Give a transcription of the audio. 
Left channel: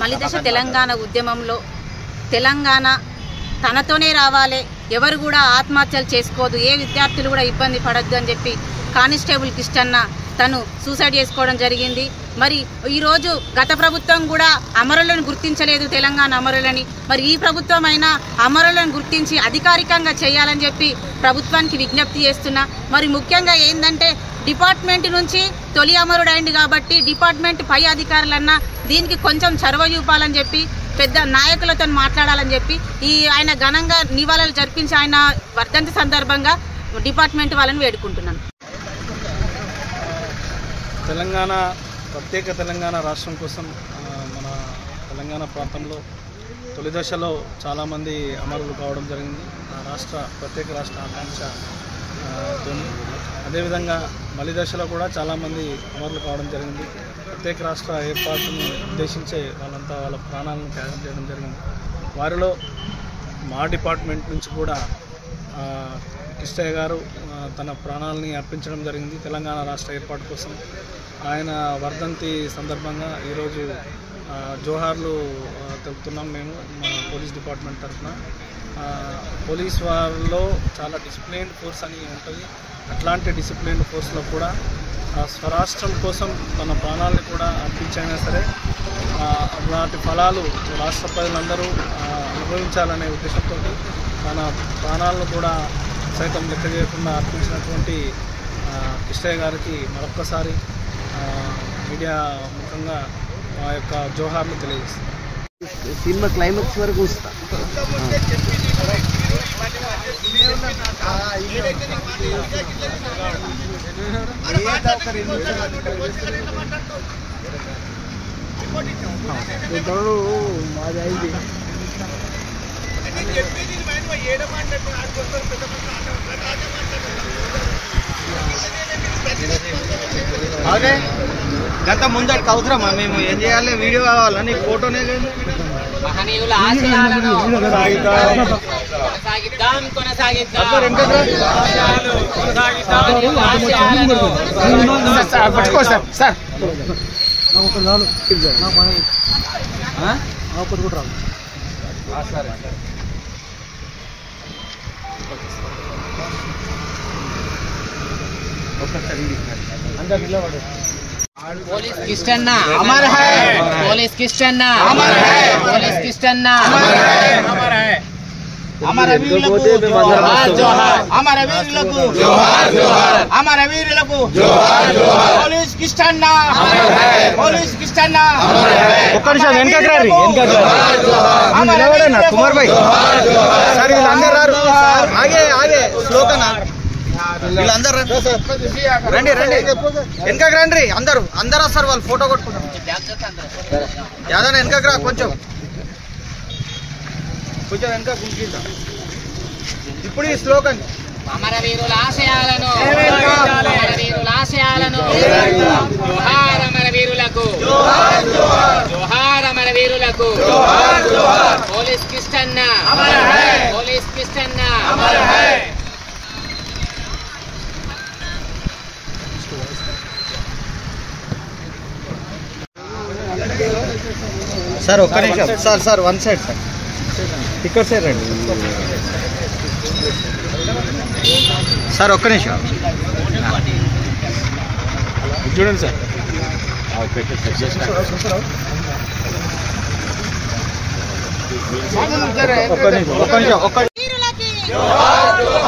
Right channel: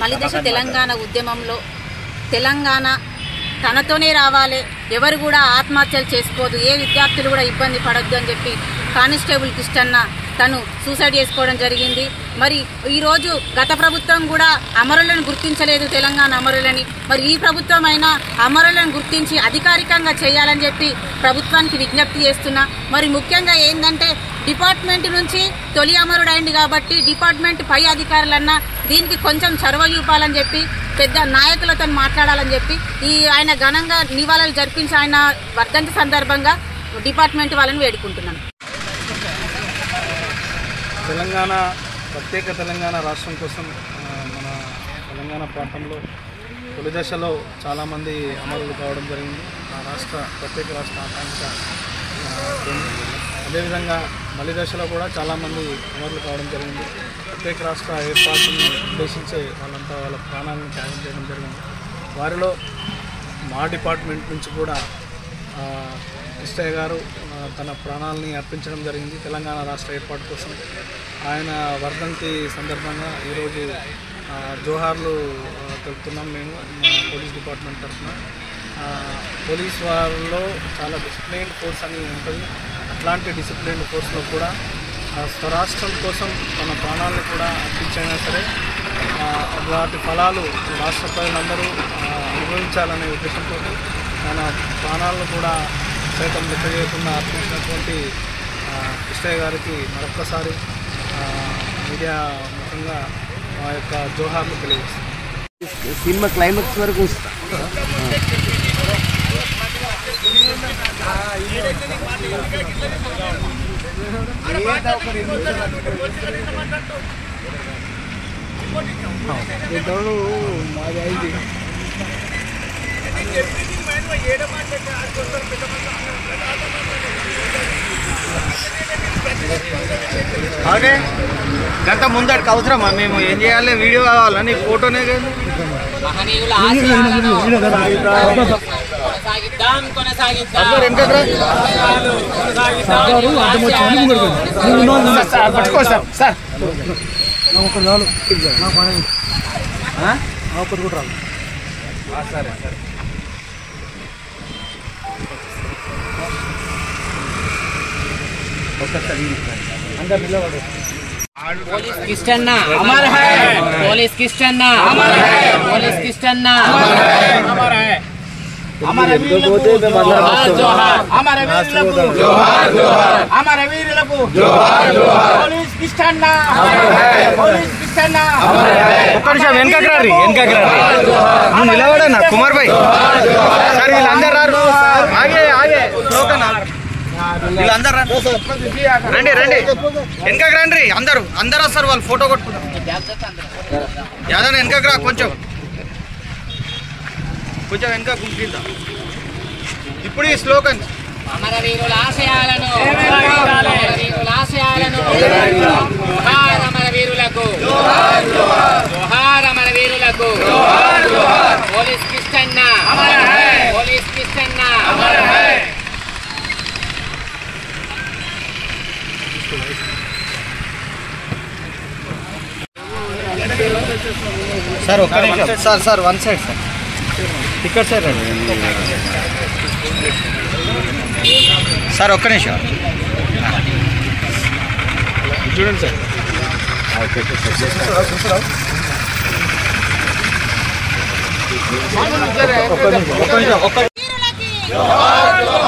మలిదశ తెలంగాణ ఉద్యమంలో తెలంగాణ తనతోనే రావాలి, ఎవరు కూడా ఆత్మహత్యలు చేసుకోవద్దు, ఏ విద్యార్థులు కూడా ఇబ్బంది పడద్దు అని చెప్పి కానిస్టేబుల్ కిష్టన్న తను సూసైడ్ చేసుకోవడం జరిగింది. మరి ఈరోజు గత ప్రభుత్వం కూడా అమరులను గుర్తించలేదు, తెలంగాణ అమరులని. మరి ఈ ప్రభుత్వం అయినా అమరులను గుర్తించి అధికారికంగా చేయాలని చెప్పి ప్రభుత్వానికి విజ్ఞప్తి చేస్తున్నా. మరి ముఖ్యంగా ఏంటంటే డిపార్ట్మెంట్ నుంచి తొలి అమరుడు అయింది కాబట్టి డిపార్ట్మెంట్ పై అధికారులన్నా దీనికి కొంచెం చొరవ చూపాలని చెప్పి పెద్ద నాయకులతో మాట్లాడాలని చెప్పి ఆయన ఘనంగా నివాళులు జరిపించి ఆయన వర్ధంతి సందర్భంగా డిపార్ట్మెంట్ వాళ్ళని వేడుకుంటున్నాను. ప్రత్యేక తెలంగాణ రాష్ట్రం కోసం మన తెలంగాణ ప్రాంతంలో తొలి దశలో చాలామంది అమరులు కావడం జరిగింది. ఆ ప్రత్యేక రాష్ట్ర ఆకాంక్ష. అదేవిధంగా మలి దశలో కూడా చాలామంది అమరులు కావడం జరిగింది. ప్రత్యేక రాష్ట్ర ఏర్పాటుని ఉద్దేశించే వాళ్ళంతా వాళ్ళ ప్రాణాలను త్యాగం చేయడం జరిగింది. వారిలో మా డిపార్ట్మెంట్ నుంచి కూడా కిష్టయ్య గారు తన ప్రాణాలని అర్పించడం జరిగింది తెలంగాణ రాష్ట్ర ఏర్పాటు కోసం. ఆయన వర్ధంతి సందర్భంగా ఈరోజు జోహార్లు తెలుపుతున్నాం మేము పోలీస్ డిపార్ట్మెంట్ తరఫున. పోలీస్ వారిలో చాలా డిసిప్లిన్ ఫోర్స్ అని ఉంటుంది. అట్లాంటి డిసిప్లిన్ ఫోర్స్లో కూడా స్వరాష్ట్రం కోసం తన ప్రాణాలను కూడా అర్పించైనా సరే అలాంటి ఫలాలు రాష్ట్ర ప్రజలందరూ అనుభవించాలనే ఉద్దేశంతో తన ప్రాణాలను కూడా సైతం లెక్క చేయకుండా అర్పించినటువంటి కిష్టయ్య గారికి మరొక్కసారి మీడియా ముఖంగా మా యొక్క జోహార్లు తెలియజేస్తాం. సినిమా క్లైమాక్స్ వరకు వస్తా. మాది అయింది. అదే గత ముందటికి అవసరమా? మేము ఏం చేయాలి? వీడియో కావాలని ఫోటోనే కాదు. పట్టుకో సార్. సార్ ఒకటి రాదు, ఒకటి కూడా రాదు. సరే సరే. पुलिस किस्टन्ना अमर है, पुलिस किस्टन्ना अमर है, पुलिस किस्टन्ना अमर है. अमरवीरुలకు జోహార్ జోహార్, అమరవీరులకు జోహార్ జోహార్, అమరవీరులకు జోహార్ జోహార్. పోలీస్ కిష్టన్న అమర్ హై, పోలీస్ కిష్టన్న అమర్ హై. ఒక్క నిమిషం వెనకకి రండి, వెనకకి రండి. నిలబడండి కుమార్ భాయ్. సరే వీళ్ళందరూ రారు. ఆగే ఆగే శ్లోకనా వీళ్ళందరూ రండి రండి వెనకకి రండి. అందరూ వస్తారు, వాళ్ళు ఫోటో కొట్టుకుంటారు. యాదన్న వెనకకి రా, కొంచెం వెనక గుంపిద్దాం. ఇప్పుడు ఈ స్లోగన్ అమరవీరుల ఆశయాలను, అమరవీరుల ఆశయాలను జోహార్ అమరవీరులకు, జోహార్ అమరవీరులకు, పోలీస్ కిష్టన్న అమర్ హై, పోలీస్ కిష్టన్న అమర్ హై. సార్ ఒక్క నిమిషం sir. Sir one side sir, ఇక్కడ సార్. సార్ ఒక్క నిమిషం. సార్ ఒక్క నిమిషం.